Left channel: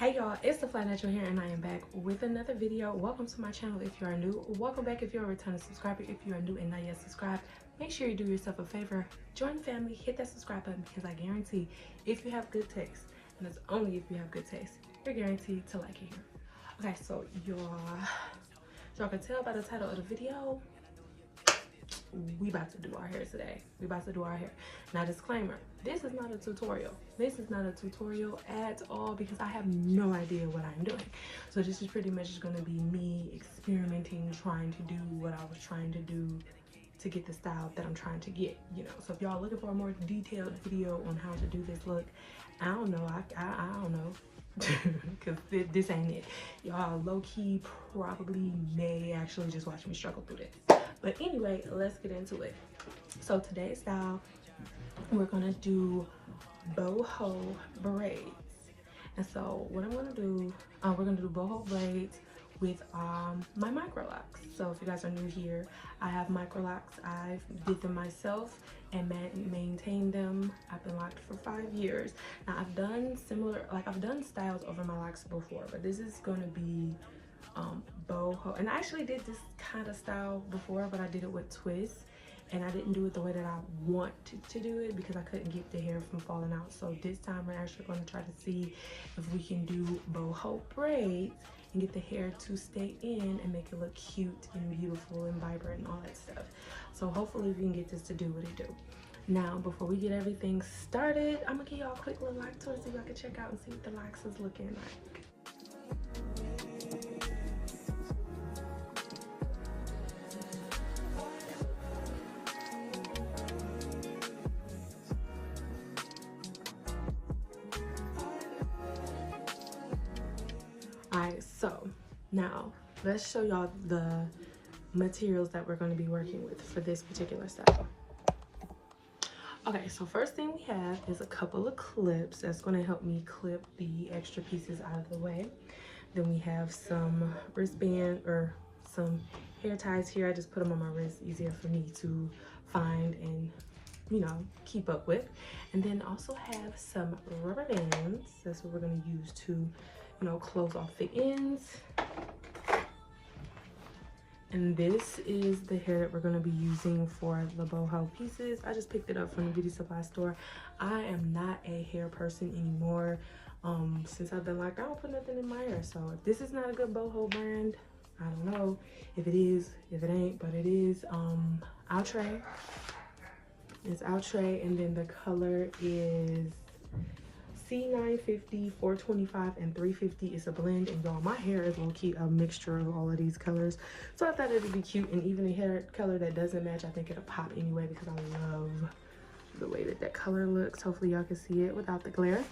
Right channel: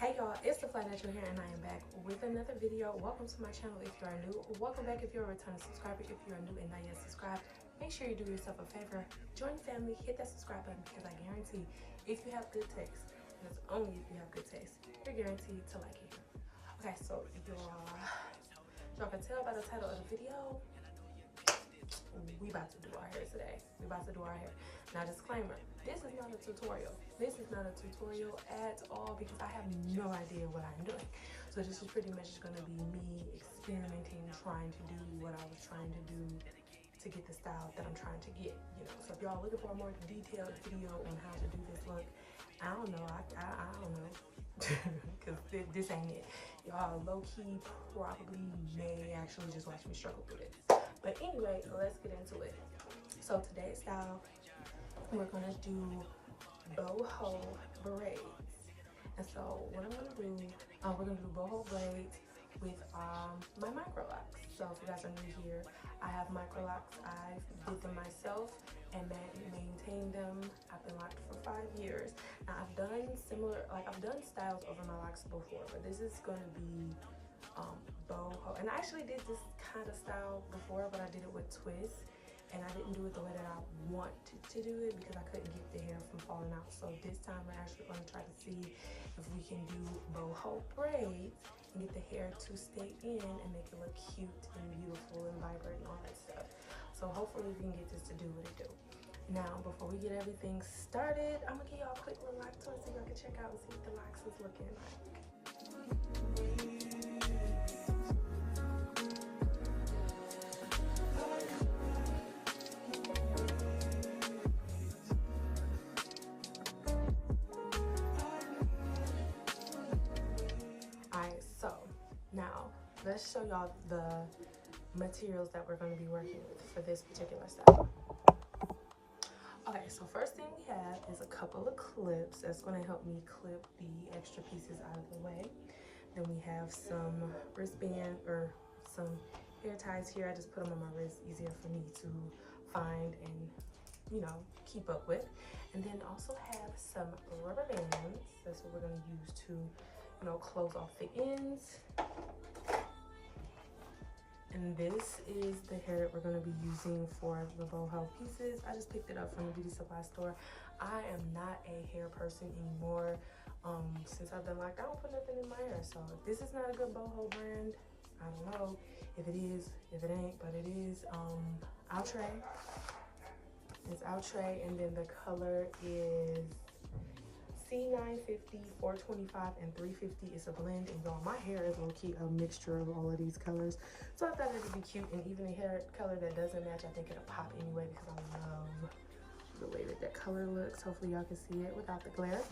Hey y'all, it's the Fly Natural here and I am back with another video. Welcome to my channel if you are new. Welcome back if you're a returning subscriber. If you are new and not yet subscribed, make sure you do yourself a favor. Join the family, hit that subscribe button because I guarantee if you have good taste, and it's only if you have good taste, you're guaranteed to like it here. Okay, so y'all can tell by the title of the video, we about to do our hair today. We about to do our hair. Now, disclaimer, this is not a tutorial. This is not a tutorial at all because I have no idea what I'm doing. So this is pretty much just gonna be me experimenting, trying to do what I was trying to do to get the style that I'm trying to get, you know. So if y'all looking for a more detailed video on how to do this look, I don't know, I don't know. Because this ain't it. Y'all low-key probably may actually just watch me struggle through this. But anyway, let's get into it. So today's style, we're gonna do Boho Braids. And so what I'm gonna do, we're gonna do Boho Braids with my Microlocs. So if you guys are new here, I have Microlocs. I did them myself and maintained them. I've been locked for 5 years. Now I've done similar, like I've done styles over my locks before, but this is gonna be boho, and I actually did this kind of style before, but I did it with twists, and I didn't do it the way that I wanted to do it because I couldn't get the hair from falling out. So this time we're actually going to try to see if we can do boho braids and get the hair to stay in and make it look cute and beautiful and vibrant and all that stuff. So hopefully we can get this to do what it do. Now, before we get everything started, I'm gonna give y'all a quick little lock tour so y'all can check out and see what the locks is looking like. Alright, so now let's show y'all the materials that we're going to be working with for this particular style. Okay, so first thing we have is a couple of clips that's going to help me clip the extra pieces out of the way. Then we have some wristband or some hair ties here. I just put them on my wrist, easier for me to find and, you know, keep up with. And then also have some rubber bands. That's what we're going to use to, you know, close off the ends. And this is the hair that we're going to be using for the boho pieces. I just picked it up from the beauty supply store. I am not a hair person anymore. Since I've been like, I don't put nothing in my hair. So if this is not a good boho brand, I don't know if it is, if it ain't, but it is Outre. It's Outre, and then the color is C950, 425, and 350. Is a blend, and y'all, my hair is low-key a mixture of all of these colors, so I thought it'd be cute. And even the hair color that doesn't match, I think it'll pop anyway because I love the way that color looks. Hopefully y'all can see it without the glare.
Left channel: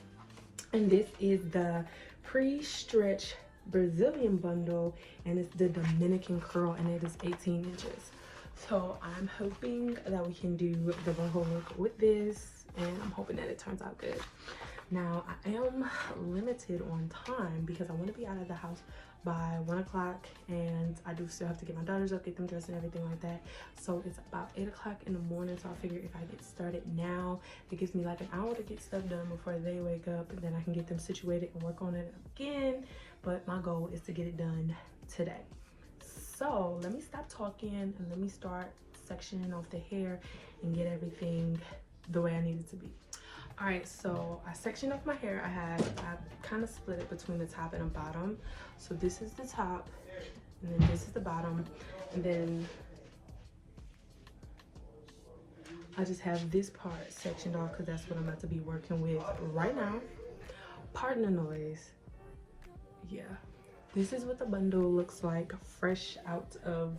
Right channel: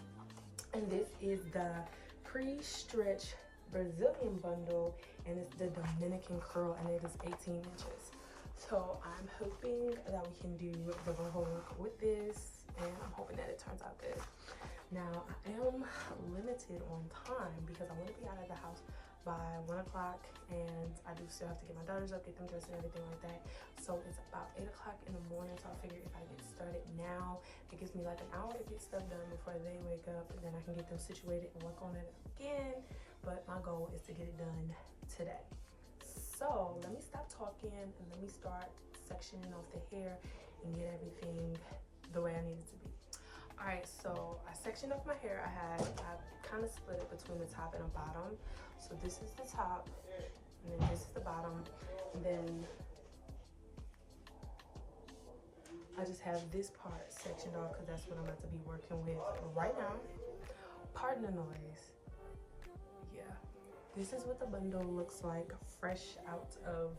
And this is the pre-stretch Brazilian bundle, and it's the Dominican curl, and it is 18 inches. So I'm hoping that we can do the boho look with this, and I'm hoping that it turns out good. Now, I am limited on time because I want to be out of the house by 1 o'clock, and I do still have to get my daughters up, get them dressed and everything like that. So it's about 8 o'clock in the morning, so I figure if I get started now, it gives me like an hour to get stuff done before they wake up, and then I can get them situated and work on it again. But my goal is to get it done today. So let me stop talking and let me start sectioning off the hair and get everything the way I need it to be. All right, so I sectioned off my hair. I kind of split it between the top and the bottom. So this is the top, and then this is the bottom, and then I just have this part sectioned off because that's what I'm about to be working with right now. Pardon the noise. Yeah, this is what the bundle looks like fresh out of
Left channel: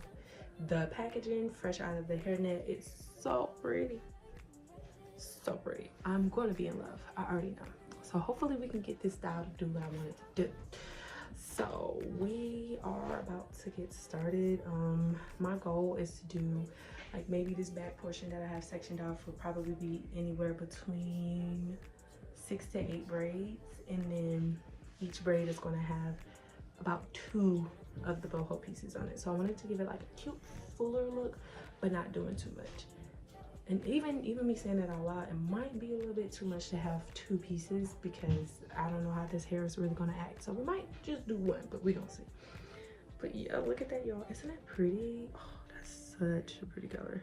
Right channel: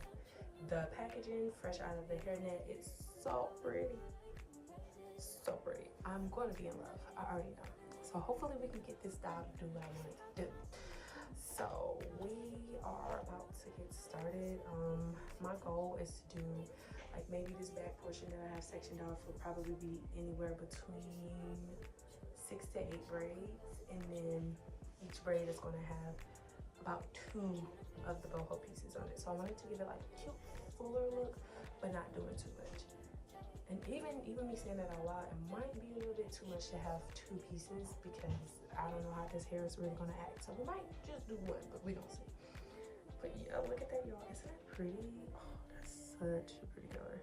the packaging, fresh out of the hairnet. It's so pretty. So pretty. I'm going to be in love. I already know. So hopefully we can get this style to do what I want it to do. So we are about to get started. My goal is to do like maybe this back portion that I have sectioned off would probably be anywhere between 6 to 8 braids, and then each braid is going to have about 2 of the boho pieces on it. So I wanted to give it like a cute fuller look, but not doing too much. And even me saying that out loud, it might be a little bit too much to have 2 pieces because I don't know how this hair is really gonna act. So we might just do 1, but we gonna see. But yeah, look at that, y'all. Isn't that pretty? Oh, that's such a pretty color.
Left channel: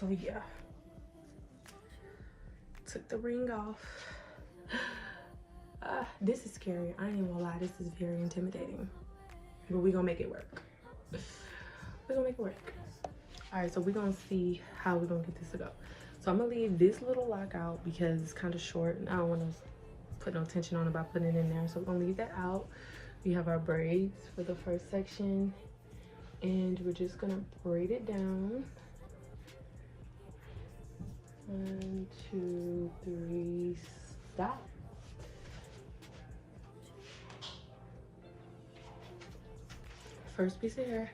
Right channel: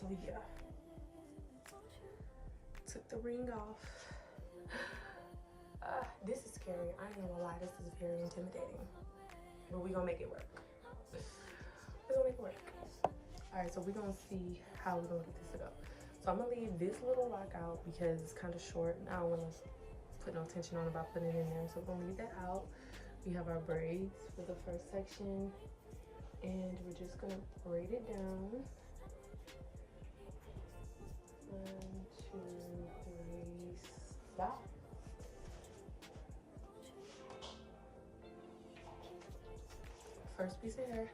So yeah, took the ring off. This is scary. I ain't even gonna lie, this is very intimidating. But we gonna make it work. We're gonna make it work. All right, so we're gonna see how we're gonna get this to go. So I'm gonna leave this little lock out because it's kind of short and I don't want to put no tension on it by putting it in there. So we're gonna leave that out. We have our braids for the first section and we're just gonna braid it down. 1, 2, 3, stop. First piece of hair.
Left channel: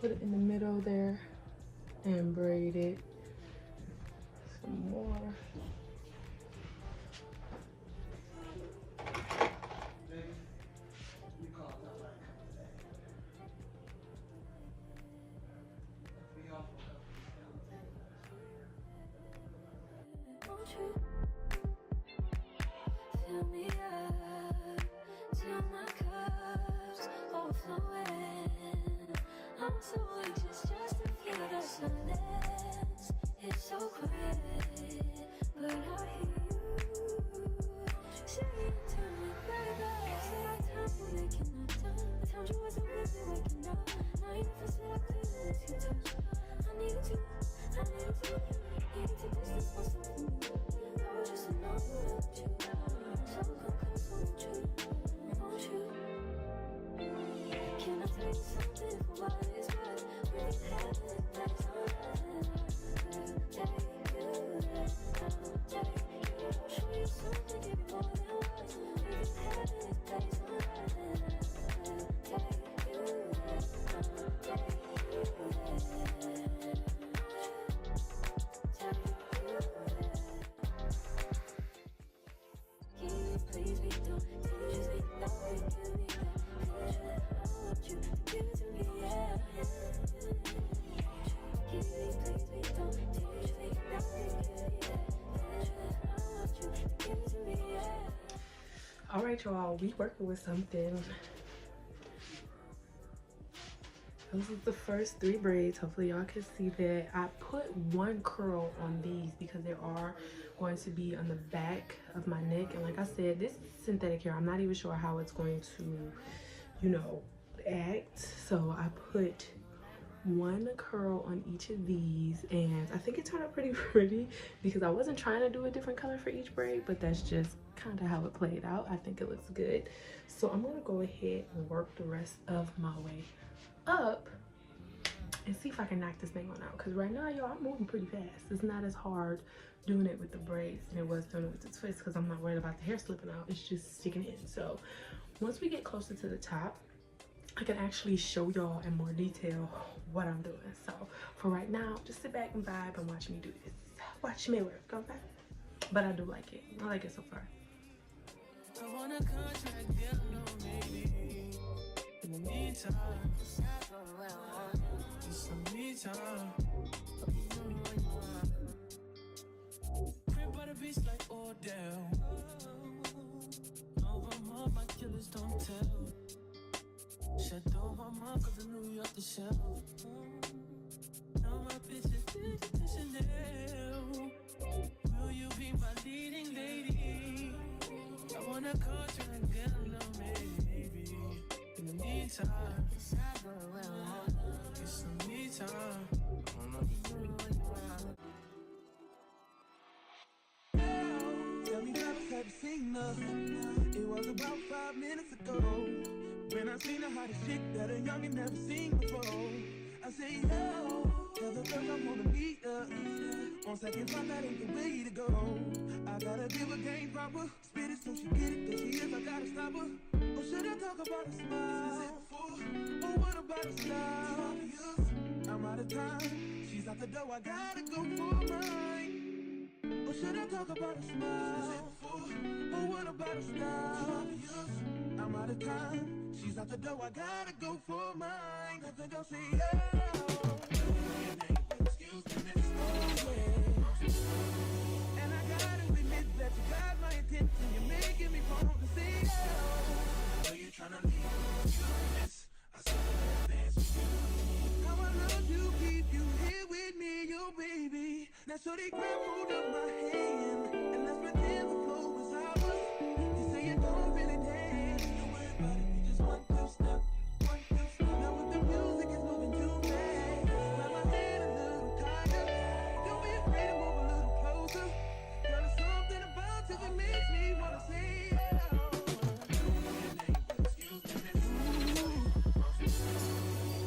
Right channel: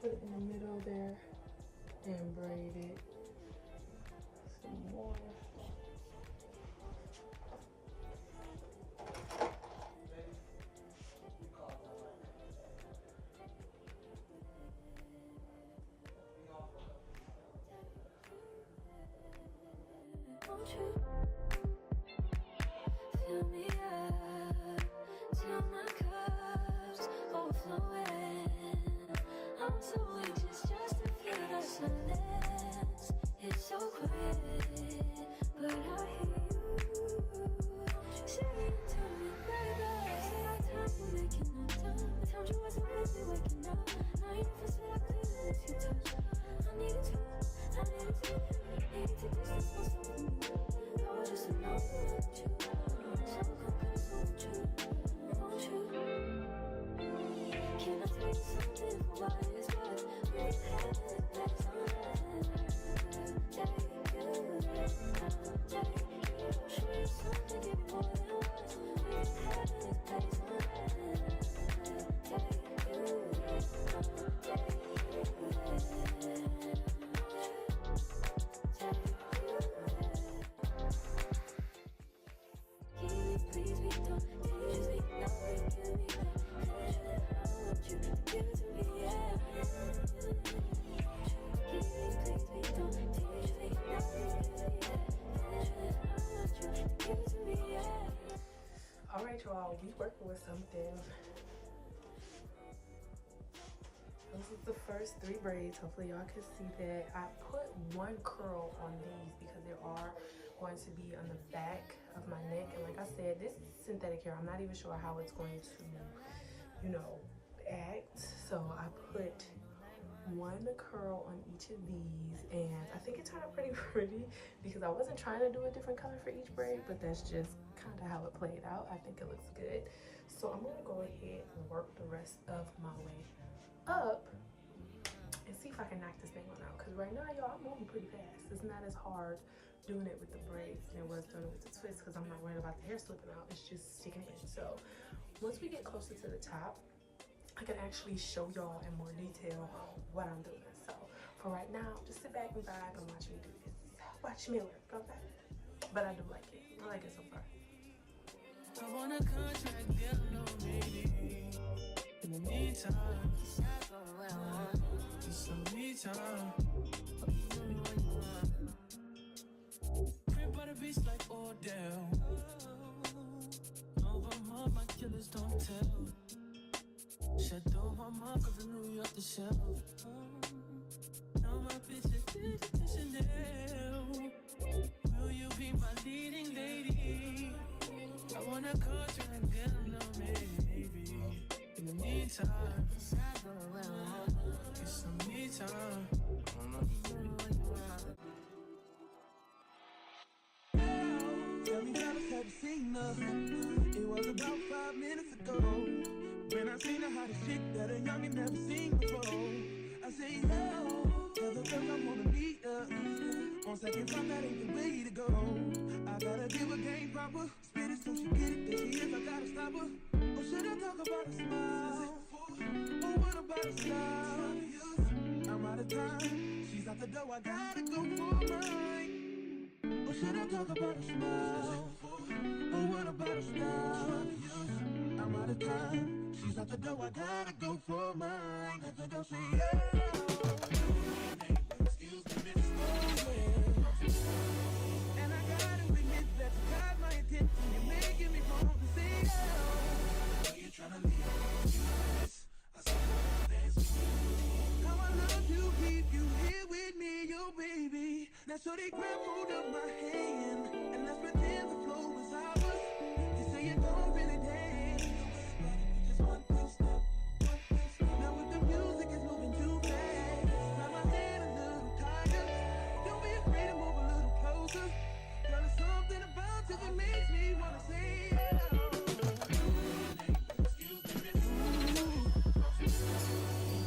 Put it in the middle there and braid it some more. Won't you fill me up till my cup's overflowing? I'm so anxious just to feel the silence. It's so quiet, but I hear you. Say it to me, baby. Say our time we're making up time. The time you wasn't with me waking up. Now you never said I couldn't miss your touch. I needed to distance myself from you. I was just alone without you. So confused, won't you? Can I tell you something for what it is worth? We had it, that's all take you. Show you something, give you more than words. We had it, that's all please be done. Just be nothing, you be done. I want you to give it to me, yeah. Please be done. Just be nothing, you be done. I want you to give it to me, yeah. All right, y'all, we working with something. This is the first 3 braids. Hopefully y'all can see that. I put 1 curl on these because they are going to be on the back of my neck, and like I said, this is synthetic hair. I'm not even sure how it's going to, you know, act. So I put 1 curl on each of these, and I think it turned out pretty pretty because I wasn't trying to do a different color for each braid, but that's just kind of how it played out. I think it looks good. So I'm gonna go ahead and work the rest of my way up and see if I can knock this thing on out, because right now, y'all, I'm moving pretty fast. It's not as hard doing it with the braids than it was doing it with the twists, because I'm not worried about the hair slipping out. It's just sticking in. So once we get closer to the top, I can actually show y'all in more detail what I'm doing. So for right now, just sit back and vibe and watch me do this. Watch me work, okay? But I do like it. I like it so far. I want a contract, girl, no, maybe. In the meantime, just some me time. Crib by the beach like Odell. Over my killers don't tell. Shadow my cause I knew you off the shelf. Now my bitch is to Chanel. Will you be my leading lady? I want a contract, girl, no, maybe. In the meantime, get some me time. Tell me how this have you seen her? It was about 5 minutes ago when I seen the hottest chick that a youngin' never seen before. I say, yo, tell the girls I wanna meet her. On second thought, that ain't the way to go. I gotta give her game proper, spit it so she get it, that she is, I gotta stop her. Or should I talk about a smile? Or what about a style? I'm out of time, she's out the door, I gotta go for mine. Or should I talk about a smile? Or what about a stop? I'm out of time. She's out the door. I gotta go for mine. I think I'll say yeah. Excuse me, miss. Oh yeah. And I gotta admit that you got my attention. You're making me want to say yeah. I know you're trying to leave. Excuse me, miss. I said dance with you. How I love to keep you here with me, yo baby. Now shorty grab hold of my hand and let's pretend the flow was ours. You say you don't really dance. Don't worry about it, we just 1, 2 step, 1, 2 step. Now with the music is moving too fast. Grab my hand a little tighter. Don't be afraid to move a little closer. Girl, there's something about you that makes me wanna say yeah. Excuse me, miss.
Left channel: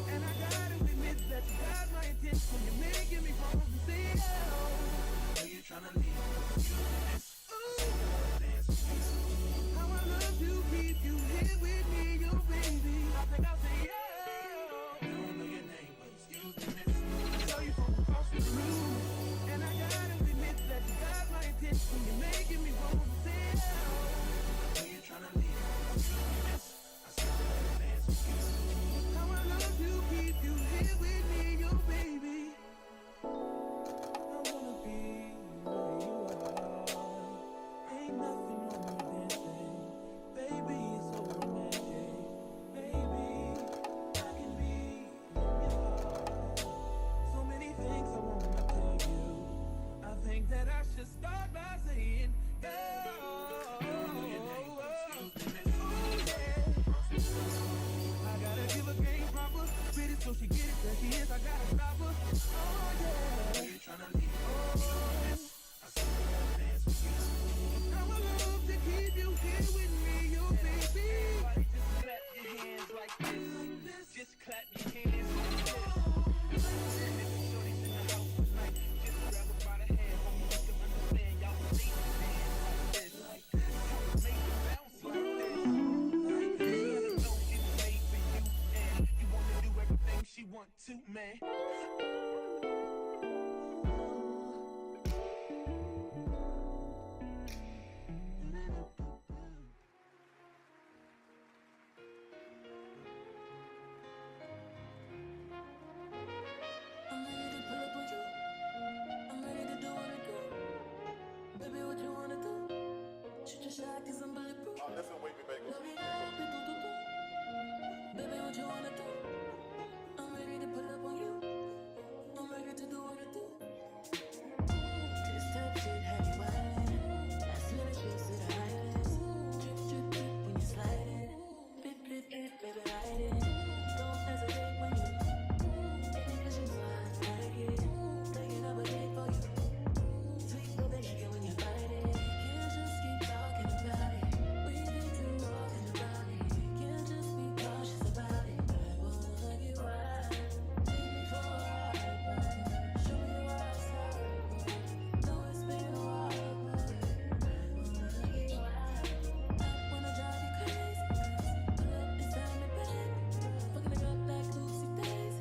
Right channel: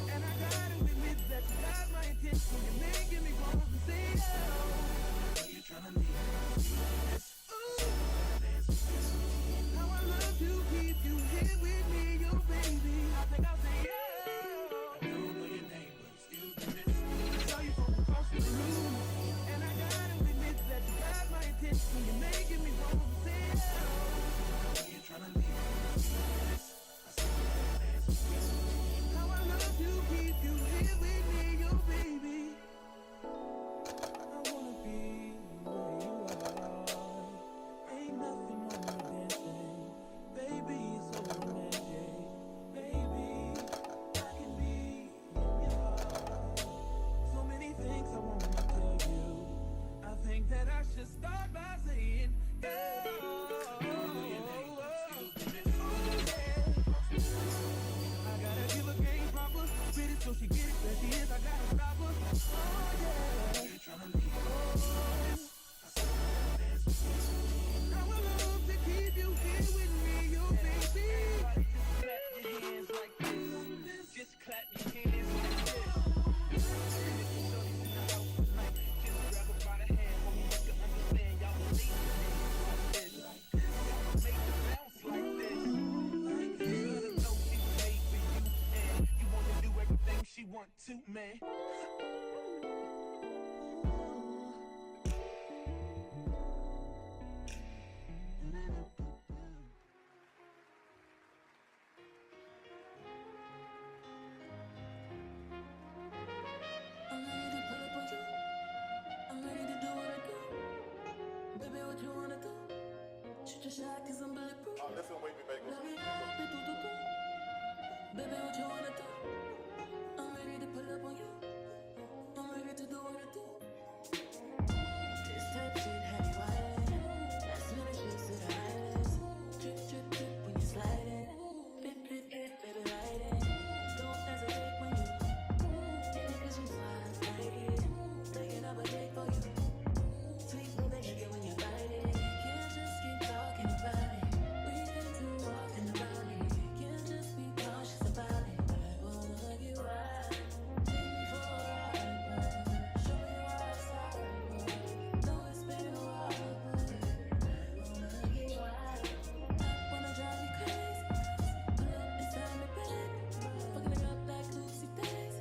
And I gotta admit that you got my attention. You're making me want to say yeah. You're trying to leave. How I love to keep you here with me, yo baby. I think I'll say yeah. I don't know your name, but excuse me, miss. I saw you from across the room, and I gotta admit that you got my attention. You're making me want to say yeah. You're trying to leave. I saw you dance with you. How I love to keep you here with me, yo baby. I wanna be where you are. Ain't nothing wrong with dancing. Baby, it's so romantic. Baby, I can be in your heart. So many things I wanna tell you. I think that I should start by saying, yeah. I gotta give a game proper. Spit it so she get it. That she is, I gotta stop her. Oh yeah. You're trying to leave. How I love to keep you here with me, yo baby. Everybody just clap your hands like this. Just clap your hands like this. And if the shorty's in the house tonight, just grab her by the hand. Homie, you can understand. Y'all will leave your hands like this. Y'all make it bounce like this. You gotta know she was made for you, and you wanna do everything she want to, man. I'm ready to pull up on you. I'm ready to do what I do. Baby, what you wanna do? Shoot your shot 'cause I'm bulletproof. Oh, listen, wait me back. Love it up, baby, what you wanna do? I'm ready to pull up on you. I'm ready to do what I do. This type shit have you wildin'. Last minute shit to the highest. Drip, drip, drip when you sliding. Drip, drip, drip, baby, riding. Don't hesitate when you get it 'cause you know I like it. Taking up a date for you. Sweet baby, like it when you bite it. Can't just keep talking about it. We think too often about it. Can't just be cautious about it. I wanna get wild. Take me for a ride, boy. Show me your outside, boy. Know it's been a while, boy. I wanna get wild. I wanna drive you crazy. Pull up inside me, baby. Fucking it up like Lucy Days.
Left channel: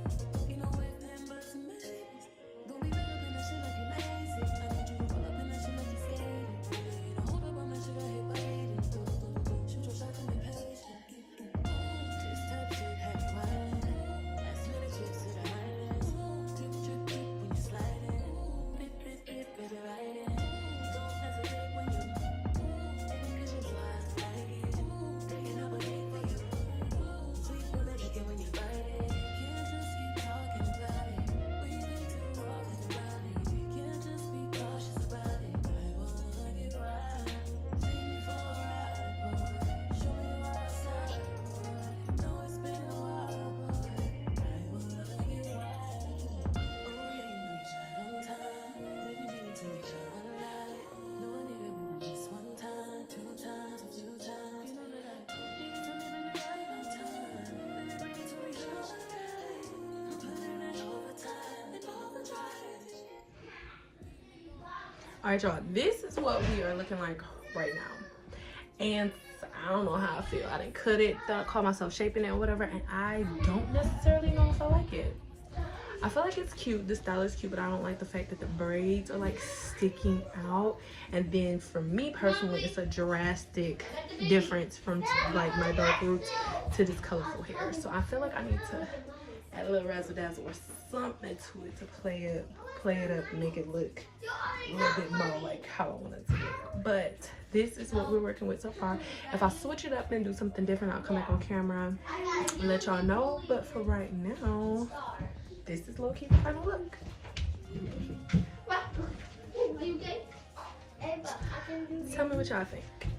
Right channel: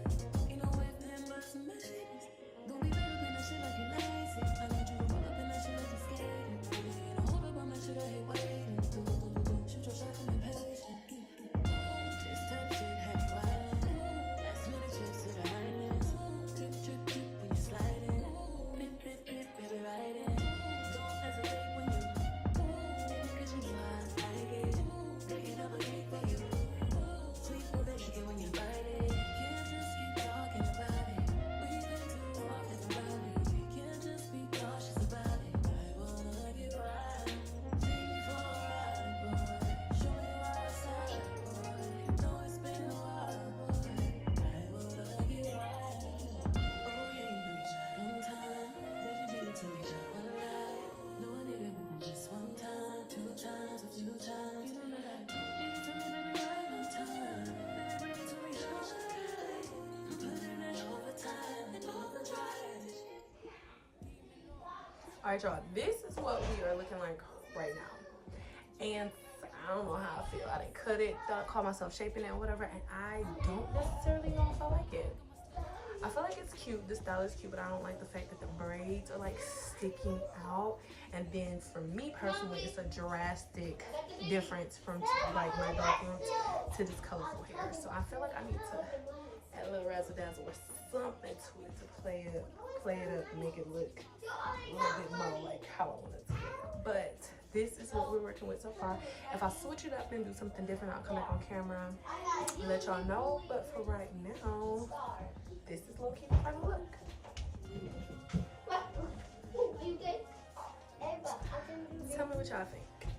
Ain't no way then but some maybes. Don't be wrapped up in that shit like you lazy. I need you to roll up in that shit like you scared. Ain't no hold up on that shit, I hate waiting. Shoot your shot and be patient. This type shit have you wildin'. Last minute trips to the highlands. Drip, drip, drip when you sliding. Drip, drip, drip, baby, riding. Don't hesitate when you take me 'cause you know I like it. Taking up a date for you. Sweet baby, like it when you bite it. Can't just keep talking about it. We think too often about it. Can't just be cautious about it. I wanna get wild. Take me for a ride, boy. Show me your outside, boy. Know it's been a while, boy. I wanna get wild. Oh yeah, you know you try one time. Baby, bring it to me, try one lie. No, I need it more than just one time, 2 times, a few times. You know that I need it to me, baby, right on time. Baby, bring it to me, try one lie. I'm putting in overtime and overdrive. Alright, y'all, this is what we are looking like right now. And I don't know how I feel. I didn't cut it, call myself shaping it or whatever, and I don't necessarily know if I like it. I feel like it's cute, the style is cute, but I don't like the fact that the braids are like sticking out. And then for me personally, it's a drastic difference from like my dark roots to this colorful hair. So I feel like I need to add a little razzle dazzle or something to it to play it up and make it look a little bit more like how I want it to look. But this is what we're working with so far. If I switch it up and do something different, I'll come back on camera and let y'all know. But for right now, this is low-key the final look. Tell me what y'all think.